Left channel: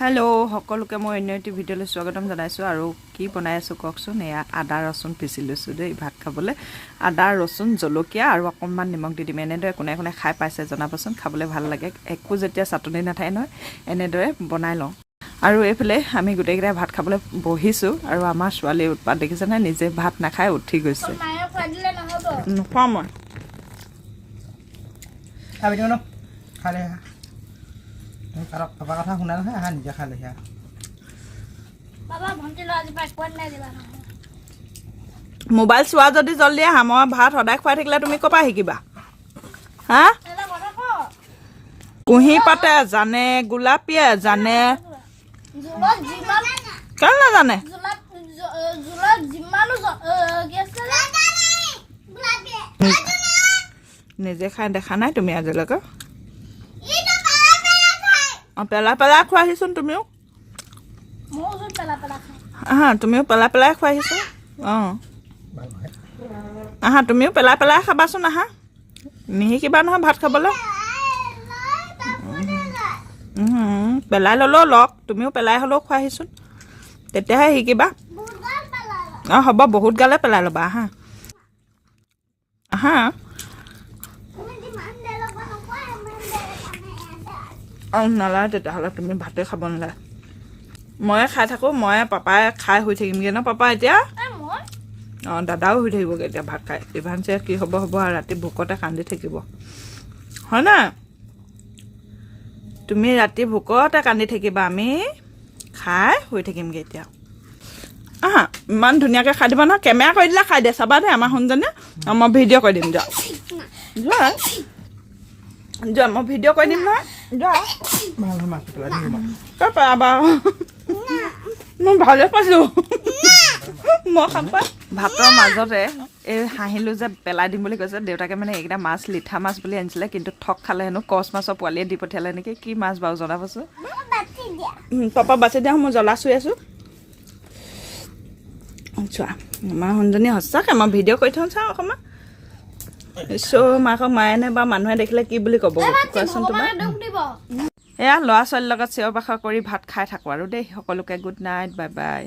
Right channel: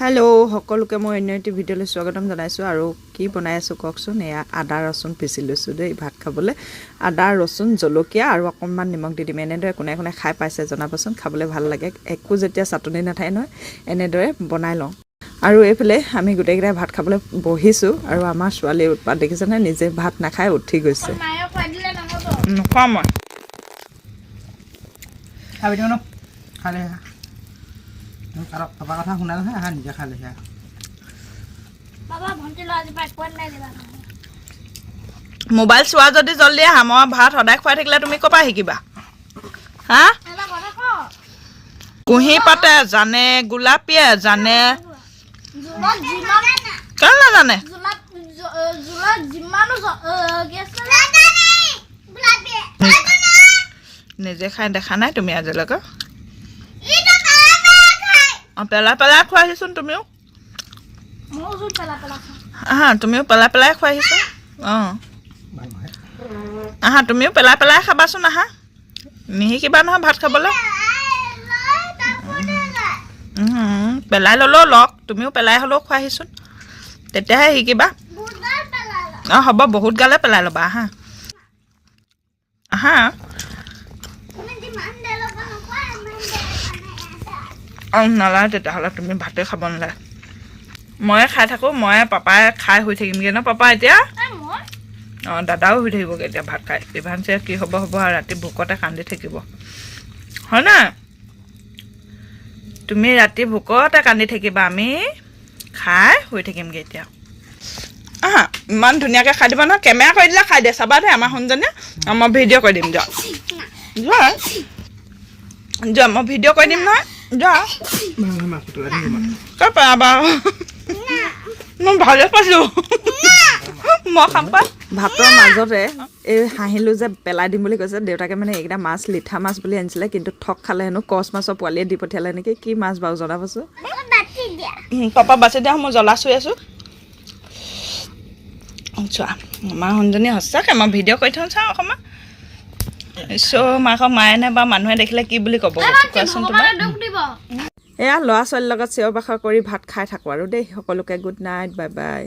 Hello' সকলোকে মই অন্য এটি ভিডিঅ'লৈ স্বাগতম জনাইছোঁ আৰু কি বনাই আছোঁ কওকচোন। এয়া আদা ৰচুন পিচি লৈছোঁ দেই ভাত খাবলৈ। আদা ৰচুন জলকীয়া আৰু অকণমান নিমখ দি দিম। এনেদৰে কোনে কোনে খাই পাইছে জনাবচোন, খাবলৈ ভাল লাগে। একো যেতিয়া চাটনি নাথাকে নহয় এনেদৰে বনাই লওঁ। আৰু এইফালে আমি গোটেইকেইটাই ভাত খাবলৈ বহিছোঁ আৰু আমাৰ ছোৱালীৰ উৎপাত দেখিছেনে, নিজে ভাত নাখাই উঠি গৈছে। নোখোৱাওঁ মই পাপা কথা শুনা নহয়, আহা নিজে খাই লৈছে। মোবাইল চোৱা যদি জল্দি আহা, মই ভাত সদায় খুৱাই থাকিলে তুমি ক'ৰ পৰা শিকিবা? হা? কুঁহি পাতে জানে, গোলাপীয়ে জানে, কেলে নাজানে? নিজে খাই দেখা নাই তুমি আজিলৈকে? পেলাই পেলাই খুৱাইছোন তুমিও। আহা তুমিও পেলাই পেলাই খুৱাইছো। অঁ আহা তুমিও পেলাই পেলাই খাবাচোন। আহা নিশিকিবা নহয় ভাত খাবলৈ। পেলাই ল'লেও লওক, তুমিও পেলাই হ'লেও খুৱাইছোন, তেতিয়াহে শিকিবা। অঁ হ'ব, বহুত গালে পেলাই ল'বা। আহা আহা নালাগে তেতিয়াহ'লে, তুমি ভাতে খাব নালাগে। ময়ে খাই থাকোঁ, ময়ে পাপাই খাই শুই থাকিমগৈ ন পাপা এতিয়া। অঁ দাদাও শুই থাকিবগৈ এতিয়া ভাত খাই। ইভানছে কি হ'ব হ'ব আৰু ৰাতি ভোকতে কান্দি থাকিব হয় নাই? তুমি ৰাতি ভোকতে কান্দি থাকিবা, আমি খাই শুই থাকিমগৈ এতিয়া। ইমান ধুনীয়াকৈ খাই দিব নহয়, কেমেৰা কৰি দিলে খাই দিয়ে চাবা দেই আমাৰ শুনজনীয়ে। মই ভিডিঅ' কৰি দিম যোৱা যোৱা যোৱা, মই ভিডিঅ' কৰি দিম নহয় যোৱা। মই ভালে পাইছোঁ, মই খাম পাই। ভাতৰ মাজতে এই হাঁহিলোঁ যে পেলাই দিম বুলি কৈছে দেউতাকে। মানে এইকেইটা মাছ লিঠা মাছ বুলি আনিছিলে, কিন্তু ঠগ খালে হেনো। কচ মাছৰ পোৱালিয়ে দি পঠিয়ালে নেকি, কি মাছ বাৰু জনাবচোন। পাপা বাচি দিয়া, মই জ্বলা চুই আছোঁ। চোৱা আমাৰ শুনজনী সঁচাকৈ, মই ভিডিঅ' কৰি থওঁ চাওঁ অকণমান। মাকক মায়ে নে বা মানুহে দেখিলে কি বুলি ক'ব কোৱাচোন তোমাৰ? এয়া ল'ৰা ছোৱালীৰ লগত চিঞৰ বাখৰ কৰি ভাত খাই থাকোঁ আৰু দেই। সকলোকে গুড নাইট, বাই বাই।